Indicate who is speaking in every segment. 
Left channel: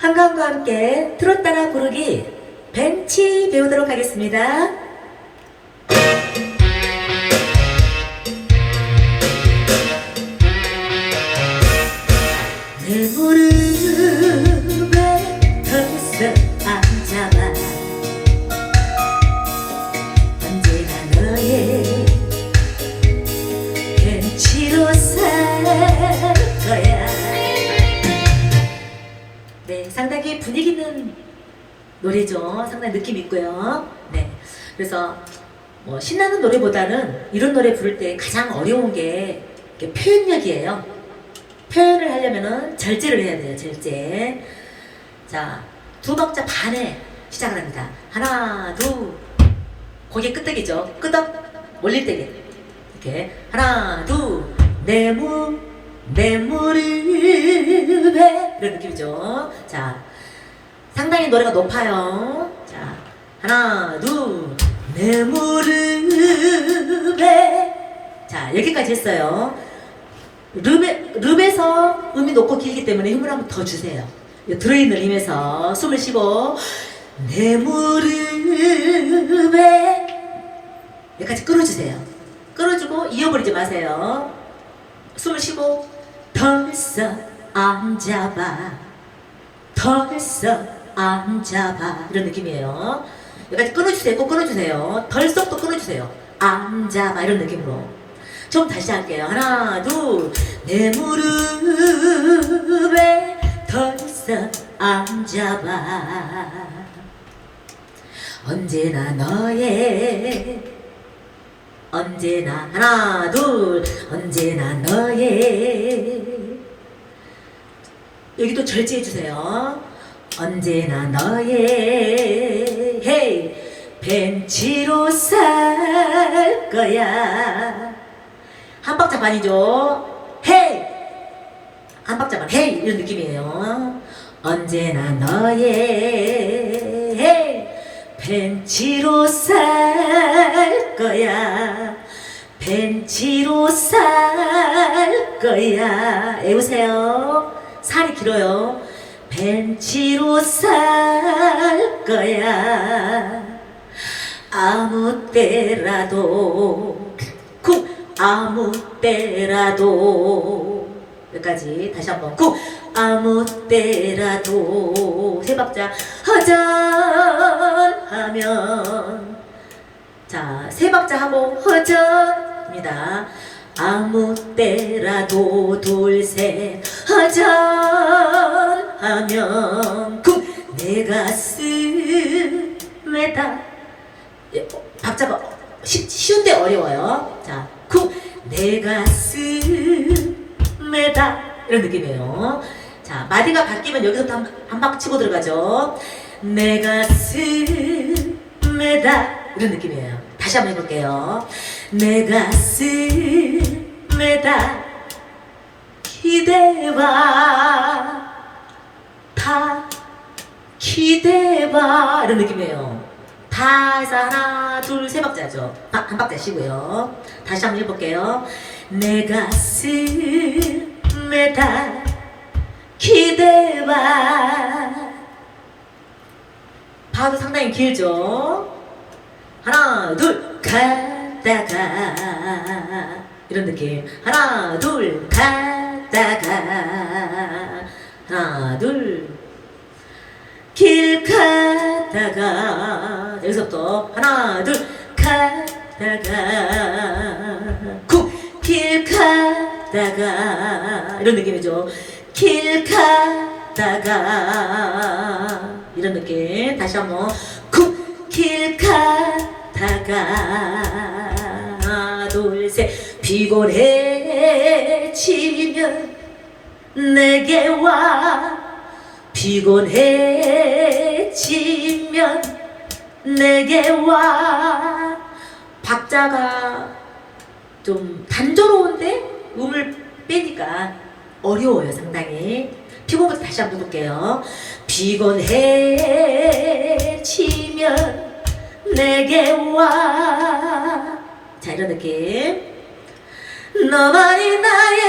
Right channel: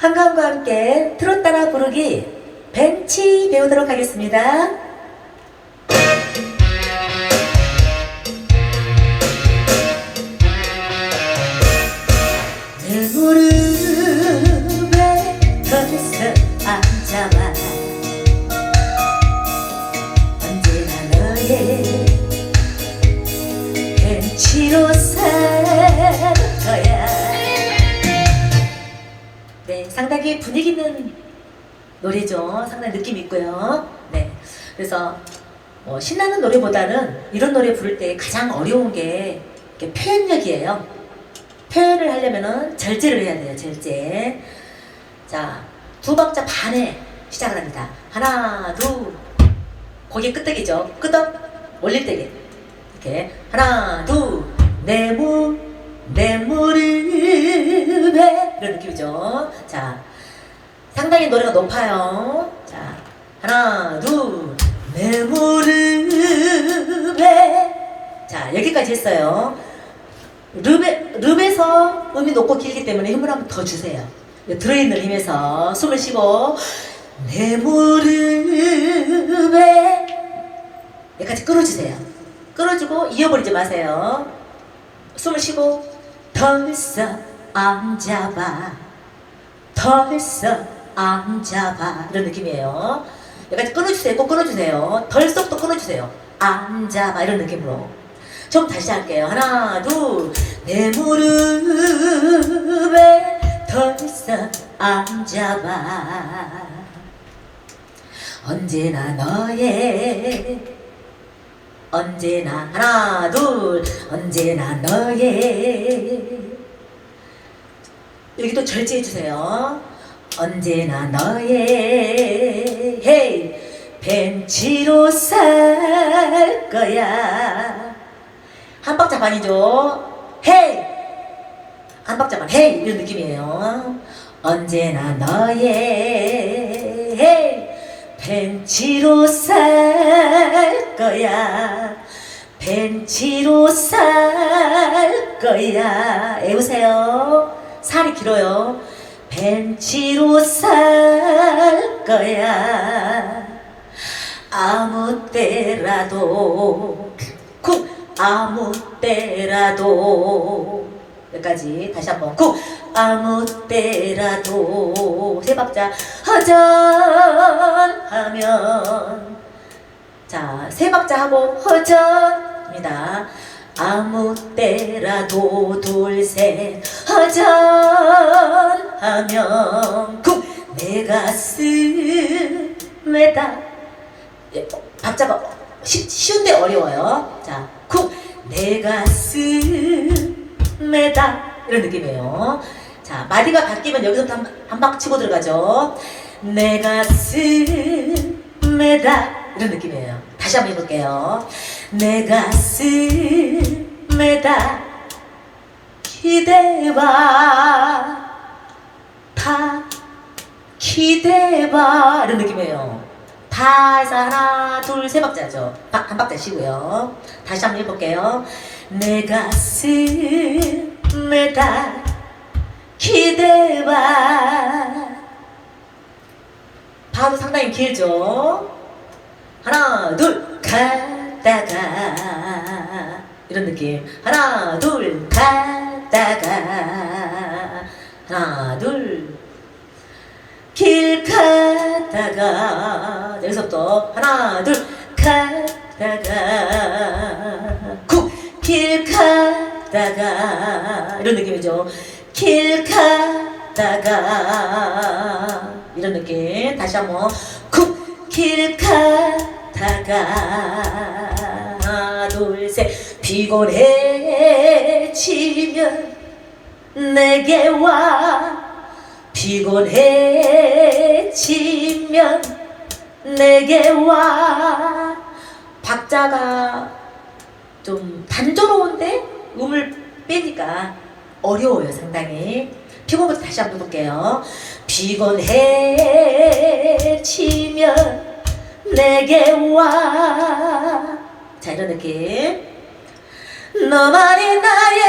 Speaker 1: 한가함과 함께 트롯 따라 부르기 벤치 배우도록 하겠습니다. 노래죠. 상당히 느낌 있고요. 네, 그래서 뭐 신나는 노래보다는 이런 노래 부를 때 가장 어려운 게 표현력이에요. 표현을 하려면은 절제를 해야 돼요. 절제. 자, 두 박자 반에 시작을 합니다. 하나, 둘. 거기 끄떡이죠. 끄덕 올릴 때게 이렇게 하나, 둘. 내 무, 내 무릎에 이런 느낌이죠. 자, 상당히 노래가 높아요. 자, 하나, 둘. 내 무릎에 자, 여기까지 했어요. 릅에, 릅에서 음이 높고 길기 때문에 힘을 한번 더 주세요. 들어있는 힘에서 숨을 쉬고 내 무릎에 여기까지 끌어주세요. 끌어주고 이어버리지 마세요. 숨을 쉬고 덜썩 앉아봐 덜썩 앉아봐 이런 느낌이에요. 여기까지 끌어주세요. 꼭 끌어주세요. 덜썩도 끌어주세요. 앉아봐 이런 느낌으로. 좀 다시 할게요. 하나, 둘, 내 무릎에 덜썩 앉아봐. 언제나 너의 언제나 하나 둘 언제나 너의 여기 또 절제해 주세요. 언제나 너의 헤이 벤치로 살 거야. 한 박자 반이죠. 헤이 한 박자만 헤이 이런 느낌이에요. 언제나 너의 헤이 벤치로 살 거야. 벤치로 살 거야. 애우세요. 살이 길어요. 벤치로 살 거야. 아무 때라도 쿵! 아무 때라도. 여기까지 다시 한번 쿵! 아무 때라도 세 박자 허전하면. 자세 박자 하고 허전입니다. 아무 때라도 둘셋 허전 하면 쿵 내 가슴에다 예, 어, 박자가 쉬, 쉬운데 어려워요. 자, 쿵, 내 가슴에다 이런 느낌이에요. 자, 마디가 바뀌면 여기서부터 한, 한박 치고 들어가죠. 내 가슴에다 이런 느낌이에요. 다시 한번 해볼게요. 내 가슴에다 기대봐 다 기대봐 이런 느낌이에요. 다 하나 둘세 박자죠. 바- 한 박자 쉬고요. 다시 한번 해볼게요. 내 가슴에다 기대봐 바도 상당히 길죠. 하나 둘 가다가 이런 느낌. 하나 둘 가다가 하나 둘 길 가다가. 여기서부터 하나 둘. 가다가. 쿵길 가다가. 이런 느낌이죠. 길 가다가. 이런 느낌. 다시 한번. 쿵길 가다가. 하나 둘 셋. 피곤해지면 내게 와 피곤해지면 내게 와. 박자가 좀 단조로운데 음을 빼니까 어려워요 상당히. 피곤부터 다시 한번 볼게요. 피곤해지면 내게 와자 이런 느낌. 너만이 나의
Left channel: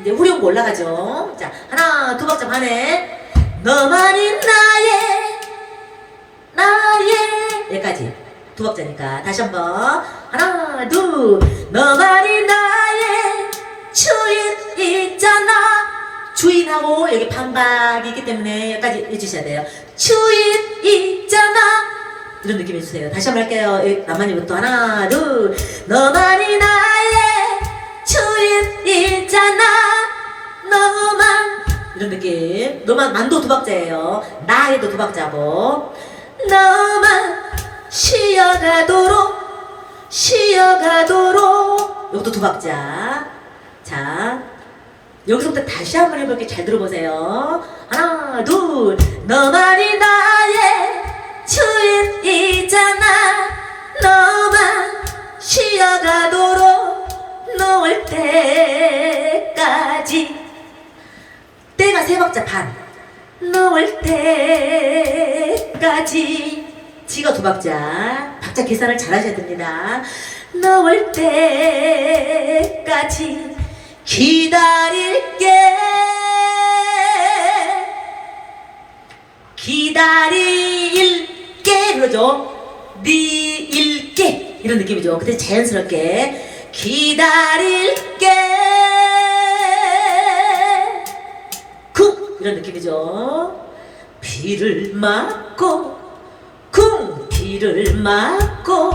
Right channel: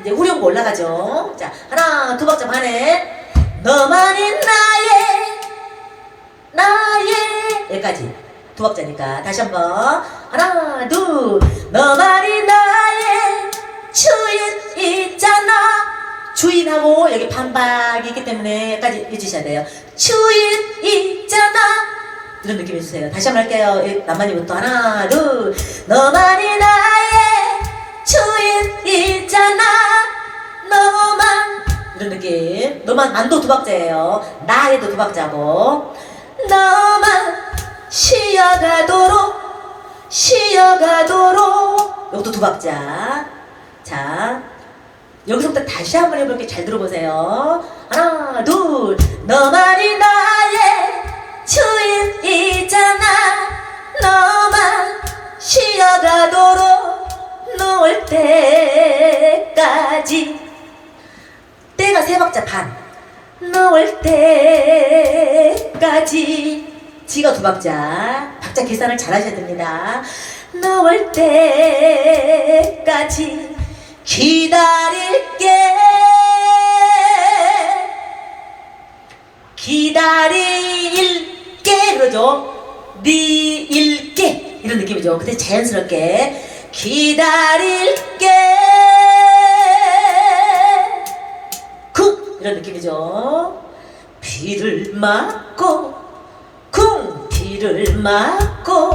Speaker 1: 이제 후렴구 올라가죠. 자 하나 두 박자 반에 너만이 나의 나의. 여기까지. 두 박자니까 다시 한번. 하나 둘. 너만이 나의 주인 있잖아. 주인하고 여기 반박이 있기 때문에 여기까지 해주셔야 돼요. 주인 있잖아. 이런 느낌 해주세요. 다시 한번 할게요. 이 남만이부터 하나 둘. 너만이 나의 주인 있잖아 느낌 너만 만도 두 박자예요. 나에도 두 박자고. 너만 쉬어가도록 쉬어가도록. 이것도 두 박자. 자 여기서부터 다시 한번 해볼게요 잘 들어보세요. 하나 둘. 너만이 나의 주인이잖아. 너만 쉬어가도록 놓을 때까지 박자 반 놓을 때까지. 지가 두 박자. 박자 계산을 잘 하셔야 됩니다. 놓을 때까지. 기다릴게. 기다릴게. 그러죠? 네 일게 이런 느낌이죠. 근데 자연스럽게. 기다릴게 이런 느낌이죠. 비를 맞고 쿵! 비를 맞고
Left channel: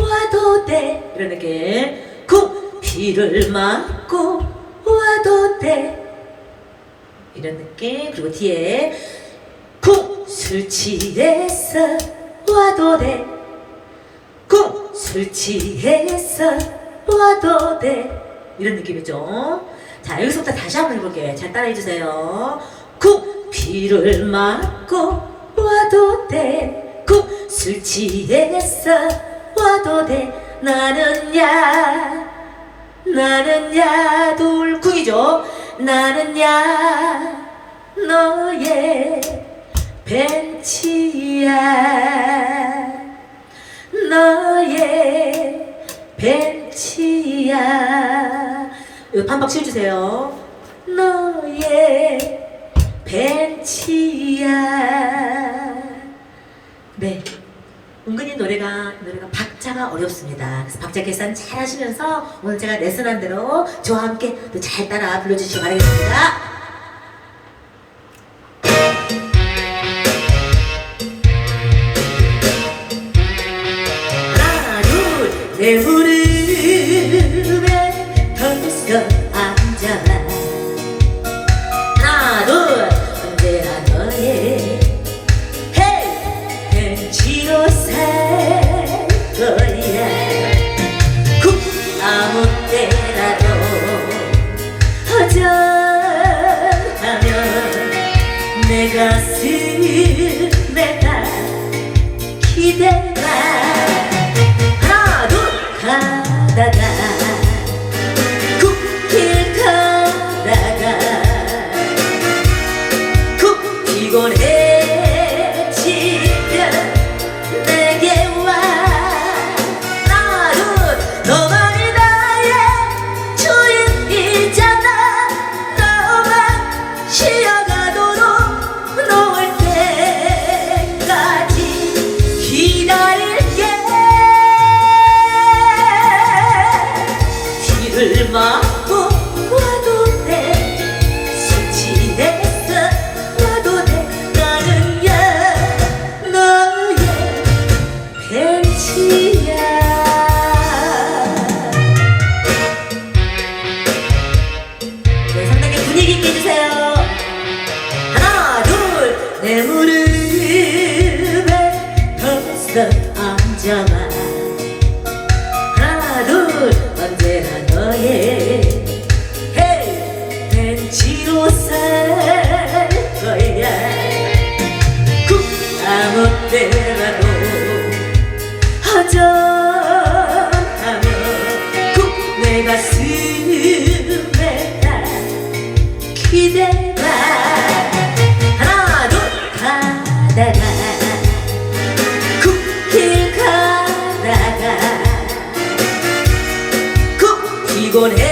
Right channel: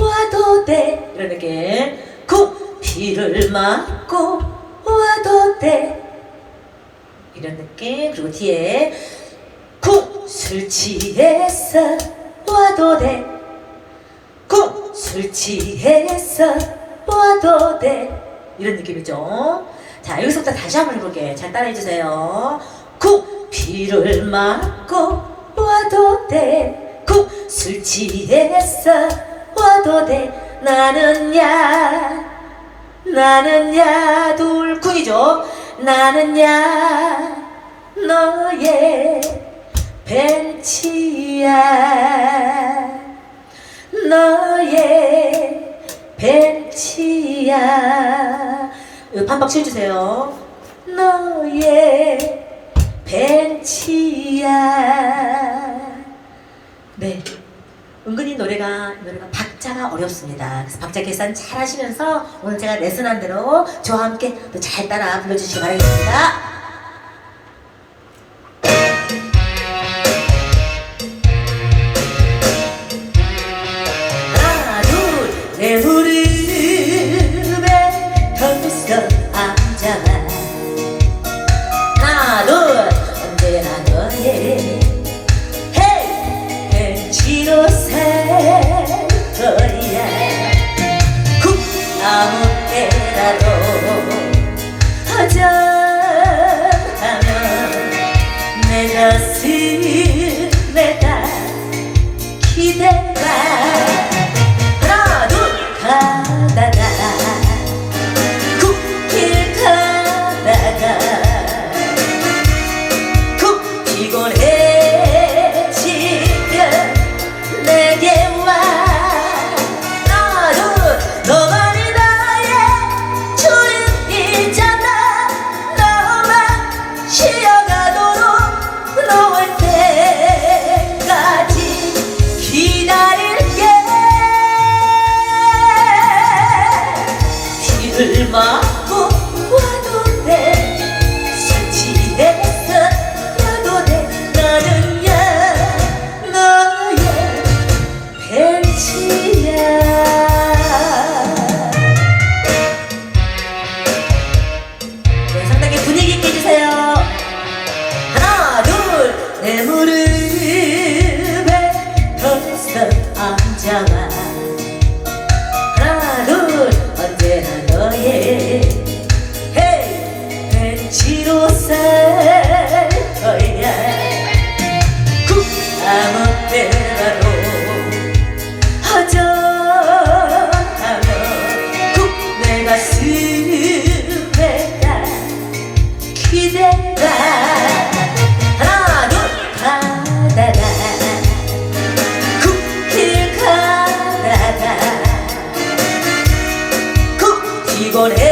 Speaker 1: 와도 돼. 이런 느낌. 쿵! 비를 맞고 와도 돼. 이런 느낌. 그리고 뒤에 쿵 술 취했어 와도 돼 쿵 술 취했어 와도 돼. 이런 느낌이죠. 자 여기서부터 다시 한번 해볼게요. 잘 따라해주세요 쿵 비를 맞고 와도 돼쿵술 취했어 와도 돼. 나는 야 나는 야 둘쿵이죠? 나는 야 너의 벤치야. 너의 벤치야. 반박 씌워주세요. 너의 어렵습니다. 그래서 박자 계산 잘 하시면서 오늘 제가 레슨한 대로 저와 함께 또 잘 따라 불러주시기 바라겠습니다. 무릎 때라도 허전하며 굽내 가슴에다 기대다 하나 가다가 굽길 가다가 굽히곤 해